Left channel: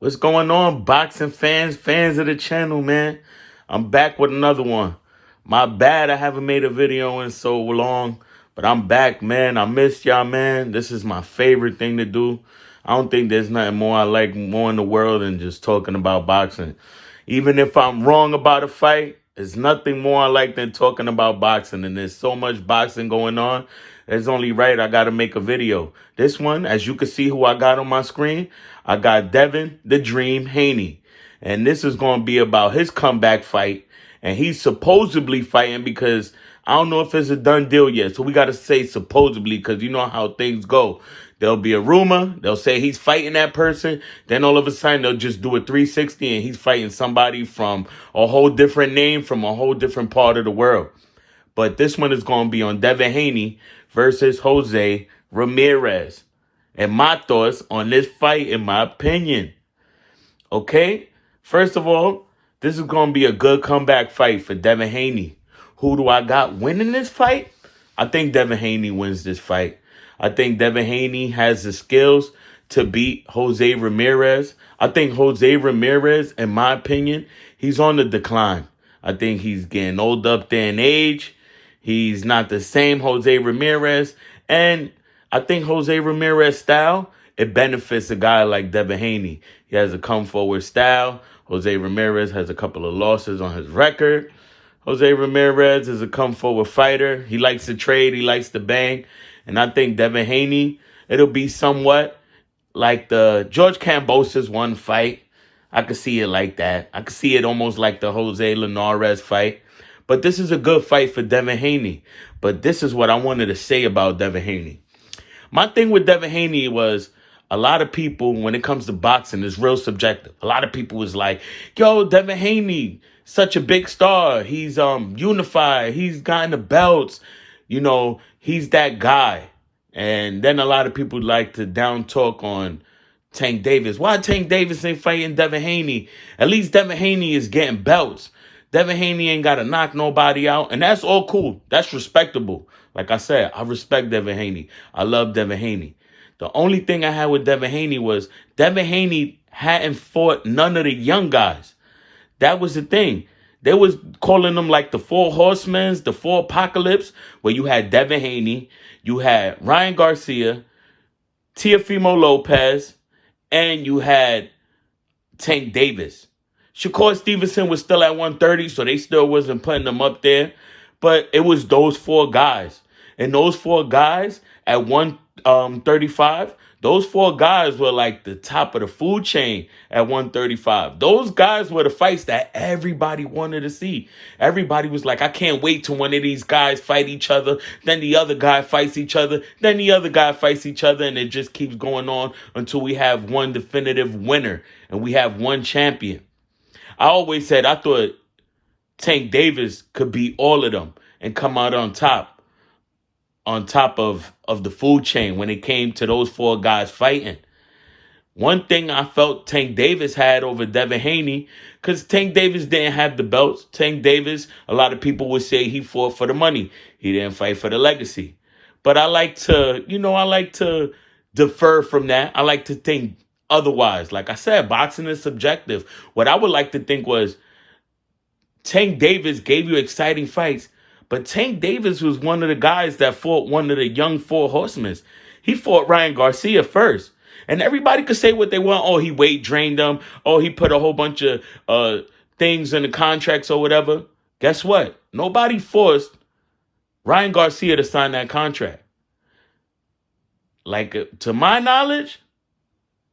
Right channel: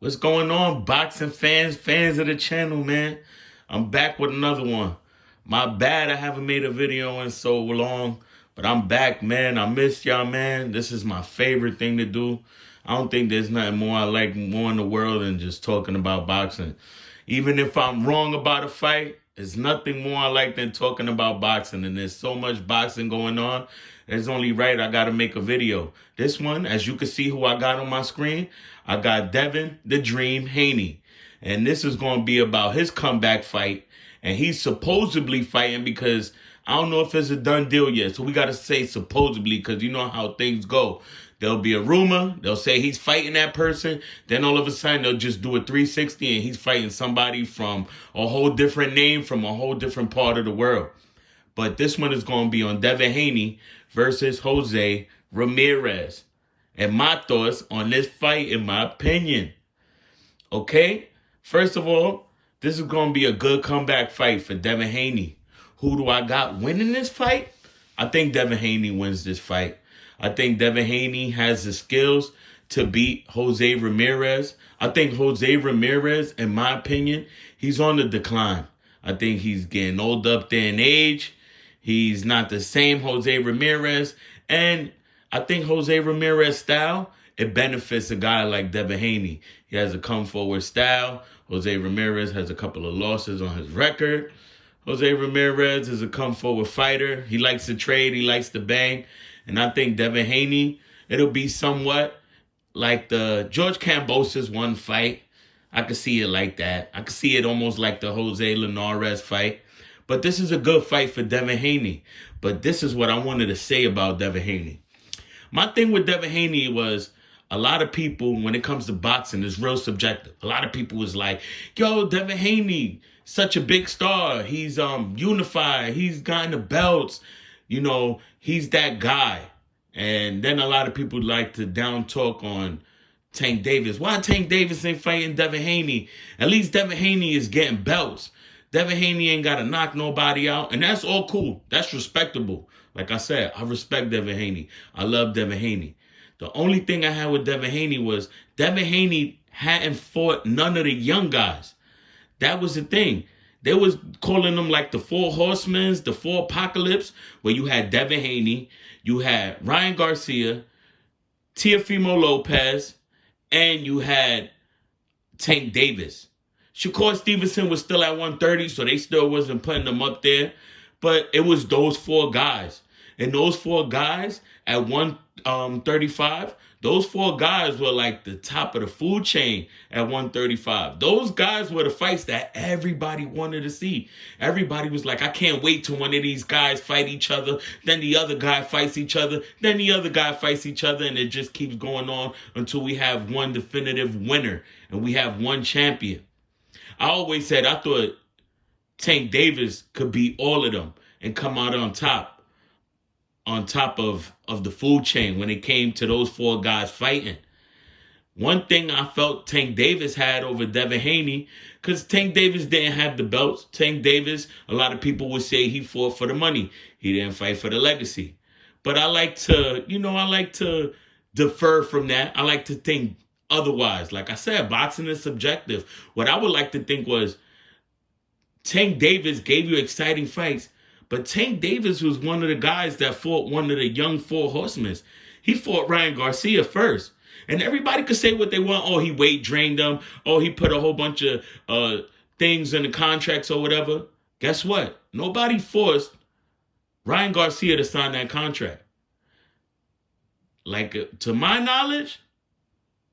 What's going on, boxing fans of the channel, man? I'm back with another one. My bad I haven't made a video in so long, but I'm back, man. I missed y'all, man. This is my favorite thing to do. I don't think there's nothing more I like more in the world than just talking about boxing. Even if I'm wrong about a fight, there's nothing more I like than talking about boxing. And there's so much boxing going on. It's only right I got to make a video. This one, as you can see who I got on my screen, I got Devin the Dream Haney. And this is going to be about his comeback fight. And he's supposedly fighting because I don't know if it's a done deal yet. So we got to say supposedly because you know how things go. There'll be a rumor. They'll say he's fighting that person. Then all of a sudden they'll just do a 360 and he's fighting somebody from a whole different name from a whole different part of the world. But this one is going to be on Devin Haney versus Jose Ramirez. And my thoughts on this fight, in my opinion. Okay? First of all, this is going to be a good comeback fight for Devin Haney. Who do I got winning this fight? I think Devin Haney wins this fight. I think Devin Haney has the skills to beat Jose Ramirez. I think Jose Ramirez, in my opinion, he's on the decline. I think he's getting old up there in age. He's not the same Jose Ramirez. And I think Jose Ramirez style, it benefits a guy like Devin Haney. He has a come forward style. Jose Ramirez has a couple of losses on his record. Jose Ramirez is a come forward fighter. He likes to trade. He likes to bang. And I think Devin Haney, it'll be somewhat like the George Kambosos one fight. I could see it like that. I could see it almost like the Jose Ramirez fight. But this is a good fight for Devin Haney. But this is what I wanted to say about Devin Haney. My thing with Devin Haney was a lot of people, when it comes to boxing, is real subjective. A lot of people was like, yo, Devin Haney, such a big star. He's unified. He's gotten the belts. You know, he's that guy. And then a lot of people like to down talk on Tank Davis. Why Tank Davis ain't fighting Devin Haney? At least Devin Haney is getting belts. Devin Haney ain't got to knock nobody out. And that's all cool. That's respectable. Like I said, I respect Devin Haney. I love Devin Haney. The only thing I had with Devin Haney was Devin Haney hadn't fought none of the young guys. That was the thing. They was calling them like the Four Horsemen, the Four Apocalypse, where you had Devin Haney, you had Ryan Garcia, Teofimo Lopez, and you had Tank Davis. Shakur Stevenson was still at 130, so they still wasn't putting them up there. But it was those four guys. And those four guys at 135, those four guys were like the top of the food chain at 135. Those guys were the fights that everybody wanted to see. Everybody was like, I can't wait till one of these guys fight each other. Then the other guy fights each other. Then the other guy fights each other. And it just keeps going on until we have one definitive winner and we have one champion. I always said I thought Tank Davis could beat all of them and come out on top of the food chain when it came to those four guys fighting. One thing I felt Tank Davis had over Devin Haney, because Tank Davis didn't have the belts. Tank Davis, a lot of people would say he fought for the money. He didn't fight for the legacy. But I like to defer from that. I like to think otherwise. Like I said, boxing is subjective. What I would like to think was Tank Davis gave you exciting fights, but Tank Davis was one of the guys that fought one of the young Four Horsemen. He fought Ryan Garcia first. And everybody could say what they want. Oh, he weight drained them. Oh, he put a whole bunch of things in the contracts or whatever. Guess what? Nobody forced Ryan Garcia to sign that contract. Like, to my knowledge,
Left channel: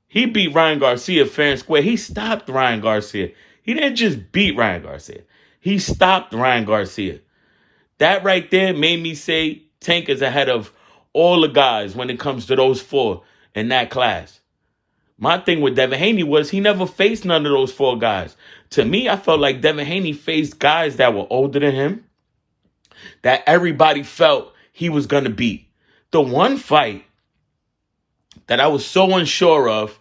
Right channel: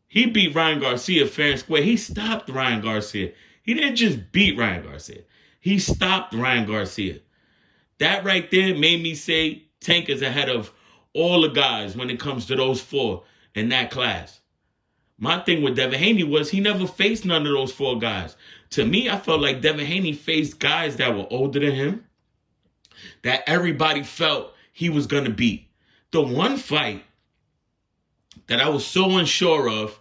he beat Ryan Garcia fair and square. He stopped Ryan Garcia. He didn't just beat Ryan Garcia. He stopped Ryan Garcia. That right there made me say Tank is ahead of all the guys when it comes to those four in that class. My thing with Devin Haney was he never faced none of those four guys. To me, I felt like Devin Haney faced guys that were older than him, that everybody felt he was going to beat. The one fight that I was so unsure of,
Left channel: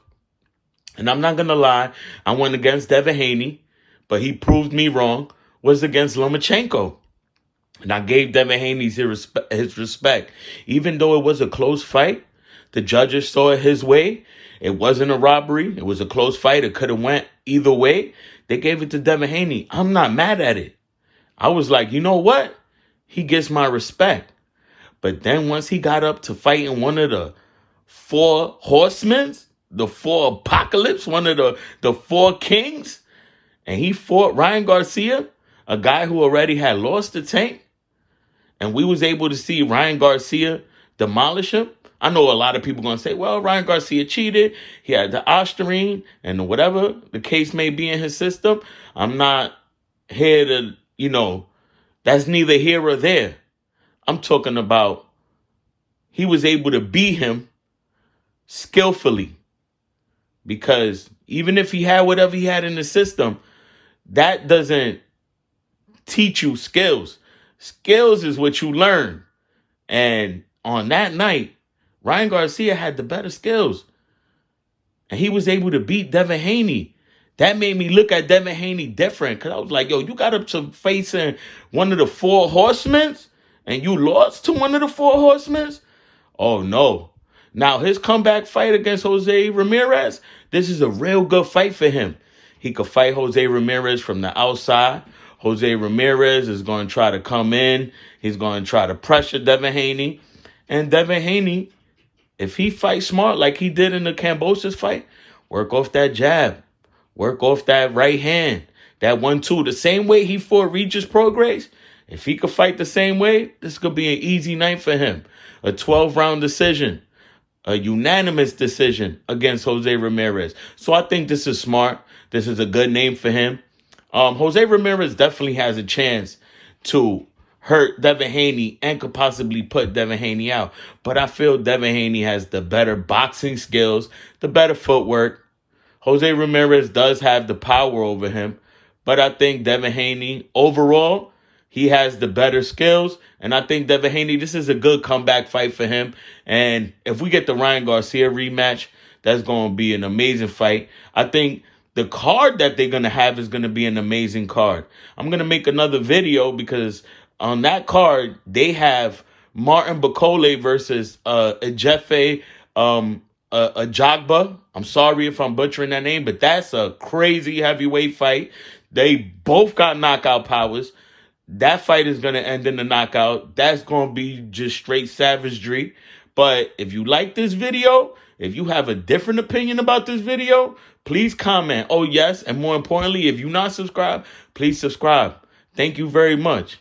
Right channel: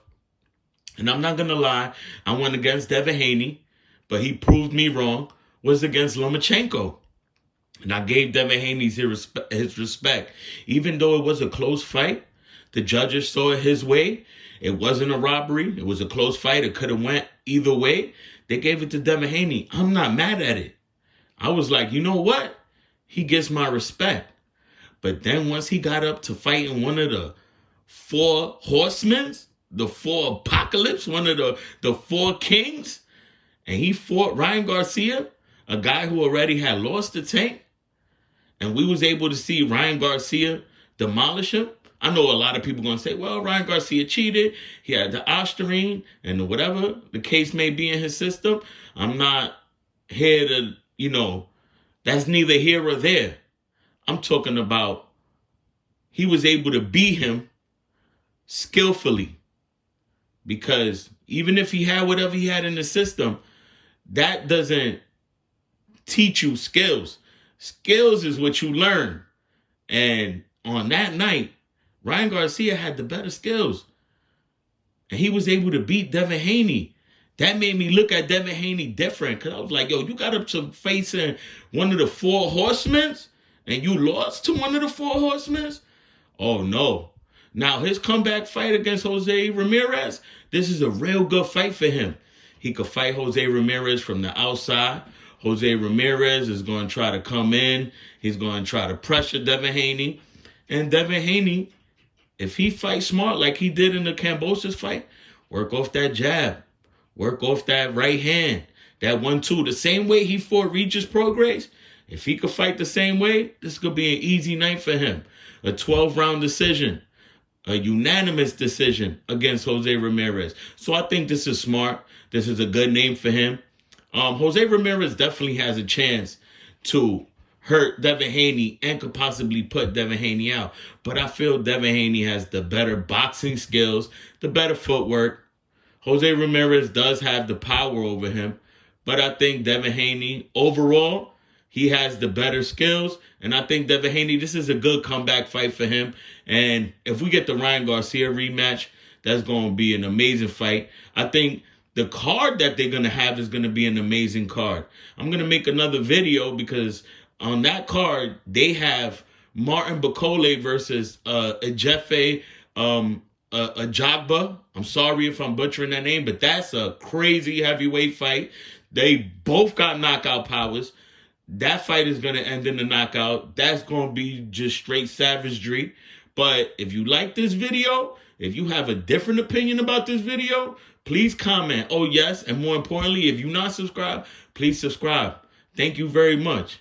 and I'm not going to lie, I went against Devin Haney, but he proved me wrong, was against Lomachenko. And I gave Devin Haney his respect. Even though it was a close fight, the judges saw it his way. It wasn't a robbery. It was a close fight. It could have went either way. They gave it to Devin Haney. I'm not mad at it. I was like, you know what? He gets my respect. But then once he got up to fighting one of the four horsemen, the four apocalypse, one of the four kings, and he fought Ryan Garcia, a guy who already had lost the tank, and we was able to see Ryan Garcia demolish him. I know a lot of people going to say, well, Ryan Garcia cheated. He had the ostarine and whatever the case may be in his system. I'm not here to, that's neither here or there. I'm talking about he was able to beat him skillfully, because even if he had whatever he had in the system, that doesn't teach you skills. Skills is what you learn. And on that night, Ryan Garcia had the better skills. And he was able to beat Devin Haney. That made me look at Devin Haney different, because I was like, yo, you got up to facing one of the four horsemen and you lost to one of the four horsemen? Oh, no. Now, his comeback fight against Jose Ramirez, this is a real good fight for him. He could fight Jose Ramirez from the outside. Jose Ramirez is going to try to come in. He's going to try to pressure Devin Haney. And Devin Haney, if he fights smart like he did in the Kambosos fight, work off that jab. Work off that right hand. That 1-2. The same way he fought Regis Prograis. If he could fight the same way, this could be an easy night for him. A 12-round decision. A unanimous decision against Jose Ramirez. So I think this is smart. This is a good name for him. Jose Ramirez definitely has a chance to hurt Devin Haney and could possibly put Devin Haney out. But I feel Devin Haney has the better boxing skills, the better footwork. Jose Ramirez does have the power over him. But I think Devin Haney, overall, he has the better skills. And I think Devin Haney, this is a good comeback fight for him. And if we get the Ryan Garcia rematch, that's going to be an amazing fight. I think the card that they're going to have is going to be an amazing card. I'm going to make another video because on that card, they have Martin Bakole versus Ejefe Ajagba. I'm sorry if I'm butchering that name, but that's a crazy heavyweight fight. They both got knockout powers. That fight is going to end in a knockout. That's going to be just straight savagery. But if you like this video, if you have a different opinion about this video, please comment. Oh, yes. And more importantly, if you're not subscribed, please subscribe. Thank you very much.